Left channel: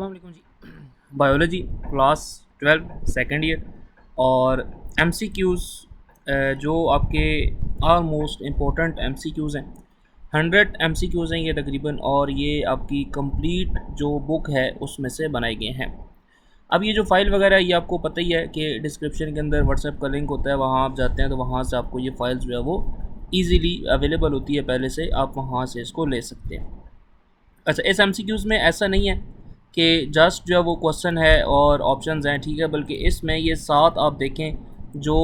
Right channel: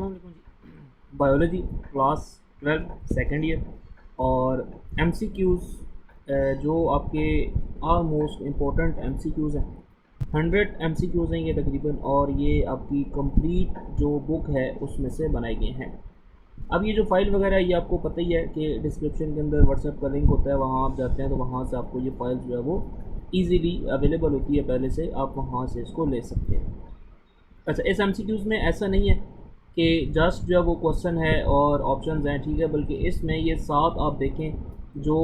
अस्सलाम वालेकुम जी। Biology class 12 second year और एमसीक्यूज़ जो आपके आलमोस्ट इम्पोर्टेंट एमसीक्यूज़ हैं। 100 एमसीक्यूज़ हैं ये तकरीबन, और ये आपकी कंप्लीट जो बुक है उसमें से बनाए गए हैं। अब ये जो फ़ाइल वगैरह है ये आपको पता ही है कि डिस्क्रिप्शन के अंदर व्हाट्सएप का लिंक होता है, वहाँ आप जाते हैं तो वहाँ से आपको ये फ़ाइल्स जो है वो ईज़िली अवेलेबल होती है, पहले से आप वहाँ से इसको ले सकते हैं। अच्छा, इस एमसीक्यूज़ में ऐसा नहीं है कि जस्ट जो है वो क्वेश्चन है और ऑप्शंस हैं, ठीक है, बल्कि इसमें ये 7 आप देखें जो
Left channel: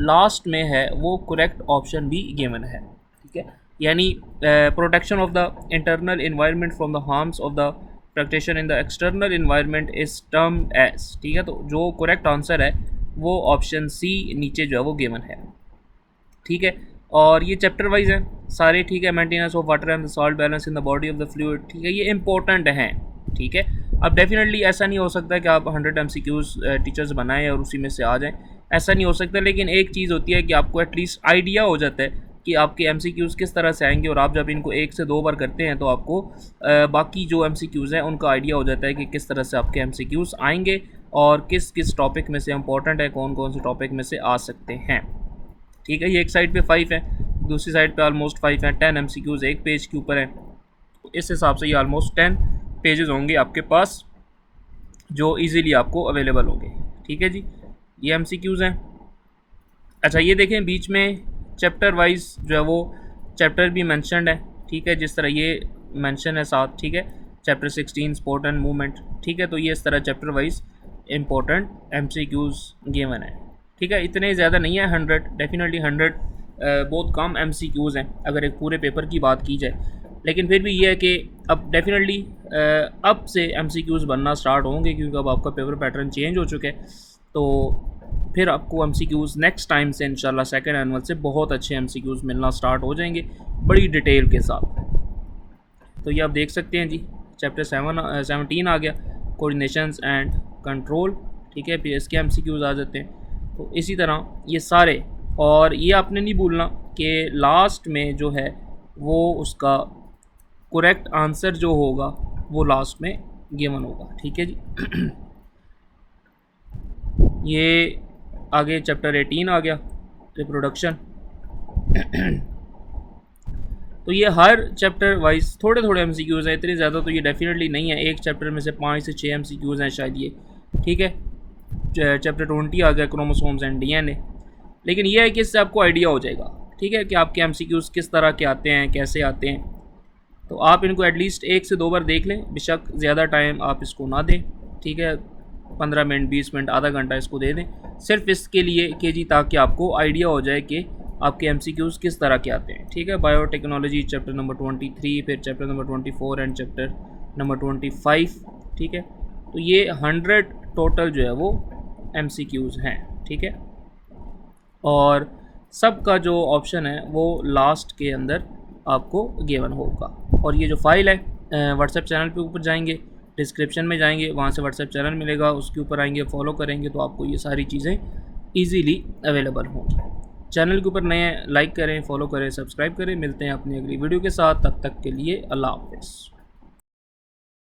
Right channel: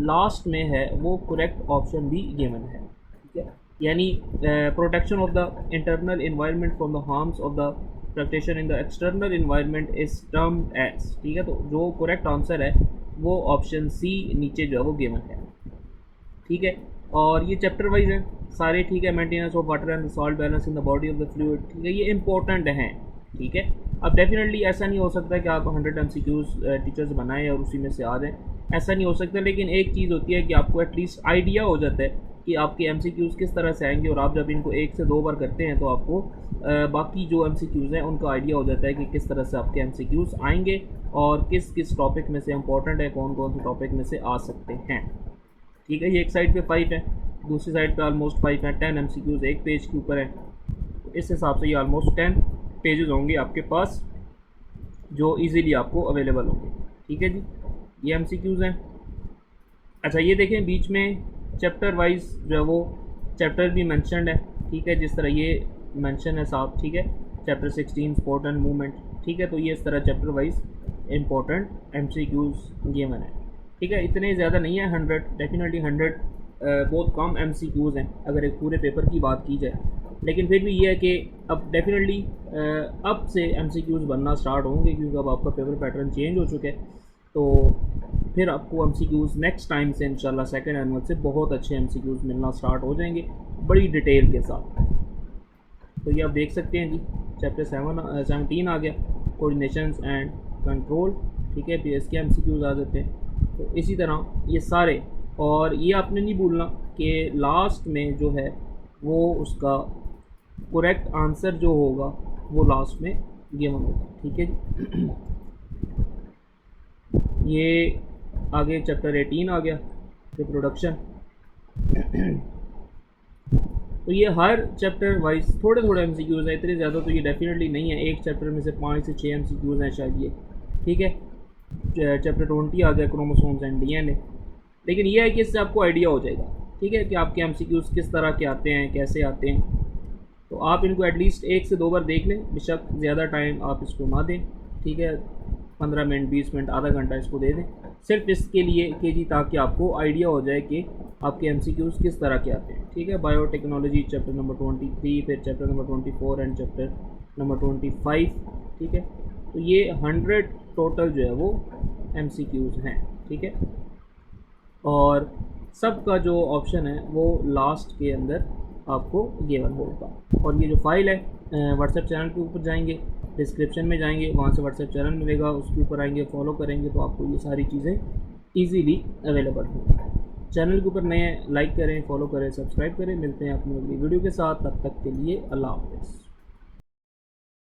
लास्ट में है वो करेक्ट ऑप्शन भी गिवन है, ठीक है। यानी protection of the internal environment from the harms of the practitioner in the external environment is term as, ठीक है। तो जो करेक्ट आंसर है वो ऑप्शन सी नीचे जो है वो गिवन है, ठीक है। और ये चैप्टर वाइज है सारे, ठीक है। Maintenance of water and the salt balance in the body of the fluid, ठीक है, ये इंपॉर्टेंट हैं, ठीक है। अब डेफिनेटली ऐसा नहीं हो सकता कि आप 100 एमसीक्यूज़ टीचर्स बनाएं और उसी में से आ जाएं, ऐसा नहीं हो सकता। लेकिन एक चीज़ होती है कि आपको एटलीस्ट आइडिया हो जाता है कि आपके एमसीक्यूज़ किस तरह से आएंगे, और आप जब इनको 1 से 2 बार करते हैं तो आपको बाकी जो एमसीक्यूज़ हैं उनका आइडिया हो जाता है कि किस तरह से आपके एमसीक्यूज़ आएंगे और किस किस टॉपिक में से इंपॉर्टेंट है, कौन कौन से टॉपिक में से आ सकते हैं, ठीक है। ये एक साइड पे 5 है, दूसरी साइड पे ऑलमोस्ट 5 हैं। 10 एमसीक्यूज़ एक पेज के ऊपर है, तो इस हिसाब से ये ऑलमोस्ट 10 पेजेस होंगे आपके पास जो इजीली आपको अवेलेबल होंगे, ठीक है जी। ये एमसीक्यूज़ हैं। अच्छा, ये देखें बीच में चैप्टर वाइज जो है वो चैप्टर भी मेंशन्ड है, ठीक है, जिस तरह ये मेंशन है साथ, ठीक है। चैप्टर 16 स्पोर्ट एंड मूवमेंट, ठीक है। तो ये इस तरह chapter wise important MCQs given है, ठीक है। इतने ज़्यादा नहीं है, 100 डेफिनेटली 100 बहुत कम एमसीक्यूज़ हैं अगर एक पूरे पेपर की बात की जाए। लेकिन फिर भी ये है कि अब डेफिनेटली अब से एमसीक्यूज़ बनना स्टार्ट होंगे, क्योंकि अब आपका पेपर पैटर्न चेंज हो चुके हैं। तो फिर आपको एमसीक्यूज़ नेक्स्ट टाइम से इंशाल्लाह सेकंड एनुअल से बहुत अच्छे एमसीक्यूज़ मिलना स्टार्ट हो जाएंगे बड़ी डिटेल के साथ। तो ये आप देख सकते हैं जी, चैप्टर 17 आ गया, कोऑर्डिनेशंस एंड कंट्रोल, ठीक है। फिर इसके एमसीक्यूज़ आ जाते हैं। तो इसी तरह ये सारे, और ये आपने नहीं भूलना कि लास्ट में जो है वो उसका करेक्ट आंसर जो होगा वो लास्ट में गिवन होगा, ठीक है जी। ये आगे चैप्टर 18 आ गया, रिप्रोडक्शन। तो ये हर चैप्टर वाइज थोड़े थोड़े एमसीक्यूज़ हैं, इतने ज़्यादा तो ये डेफिनेटली नहीं है। एक चैप्टर में से 5 से 6 एमसीक्यूज़ हैं शायद ये, ठीक है। चैप्टर 20 आ गया, क्रोमोसोम्स एंड डीएनए। लेकिन ये है कि इससे आपको आइडिया हो जाएगा, ठीक है, कि आपके एमसीक्यूज़ किस तरह के आते हैं, कैसे आते हैं। तो आप इनको एटलीस्ट 1 से 2 बार देख लें, बेशक ज़्यादा टाइम आप इसको ना दें, ठीक है। 15 मिनट, 20 मिनट, आधा घंटा इसको दे दें सिर्फ इसके लिए कि जी ताकि आपको आइडिया हो जाए कि आपके एमसीक्यूज़ किस तरह के आते हैं, ठीक है। बायोटेक्नोलॉजी चैप्टर नंबर 23, फिर chapter number 24 and chapter number 25, ठीक है। तो ये 100 टोटल जो है वो एमसीक्यूज़ हैं, ठीक है। और सबका जो ऑप्शन है वो लास्ट के अंदर आपको गिवन होगा। और ये जो फाइल है व्हाट्सएप चैनल पे ऊपर जाएंगे, डिस्क्रिप्शन में जाएंगे, वहाँ से व्हाट्सएप चैनल मिलेगा, उसके ऊपर आएंगे, फॉलो करेंगे तो आपको ये सारी चीज़ें ईज़िली अवेलेबल होंगी। चैनल के ऊपर नए लाइक करें, फॉलो करें, सब्सक्राइब करें। मिलते हैं अपनी अगली वीडियो के साथ, तब तक के लिए अल्लाह हाफ़िज़।